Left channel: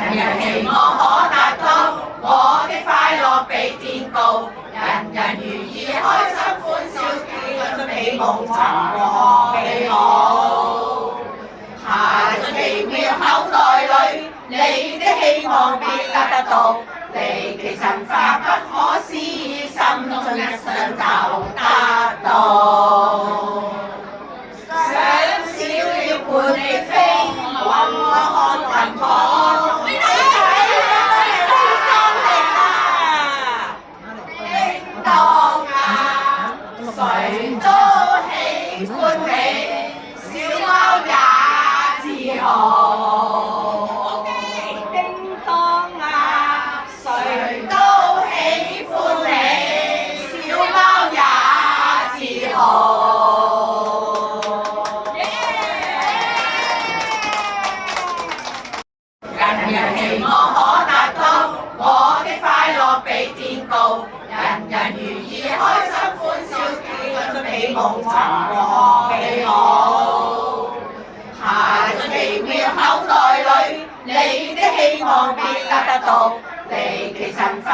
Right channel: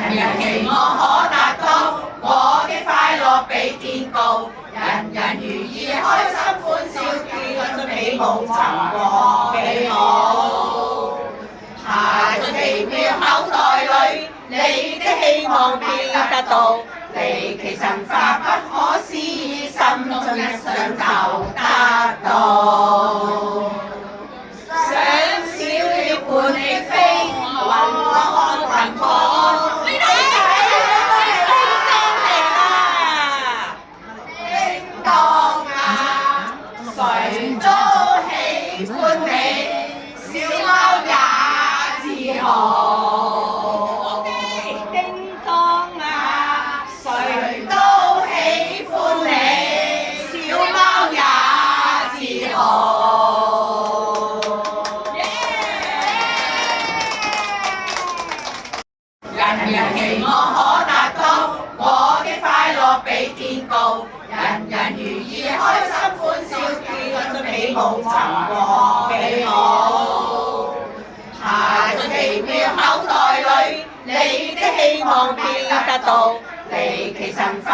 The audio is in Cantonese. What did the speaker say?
人期望可達到，我的快樂比天高，人人如意，開心歡笑，跳出起舞，尋獲美好。下進奇妙口袋裏，你的希望必得到，離奇神化不可思議，心中一想就得到。想小鳥伴你飛，雲看雲看，叮當啊，誰都喜歡你，小貓也自豪。叮當啊，誰都喜歡你，小貓也自豪。人人期望可達到，我的快樂比天高，人人如意，開心歡笑，跳出起舞，尋獲美好。下進奇妙口袋裏，你的希望必得到，離奇神化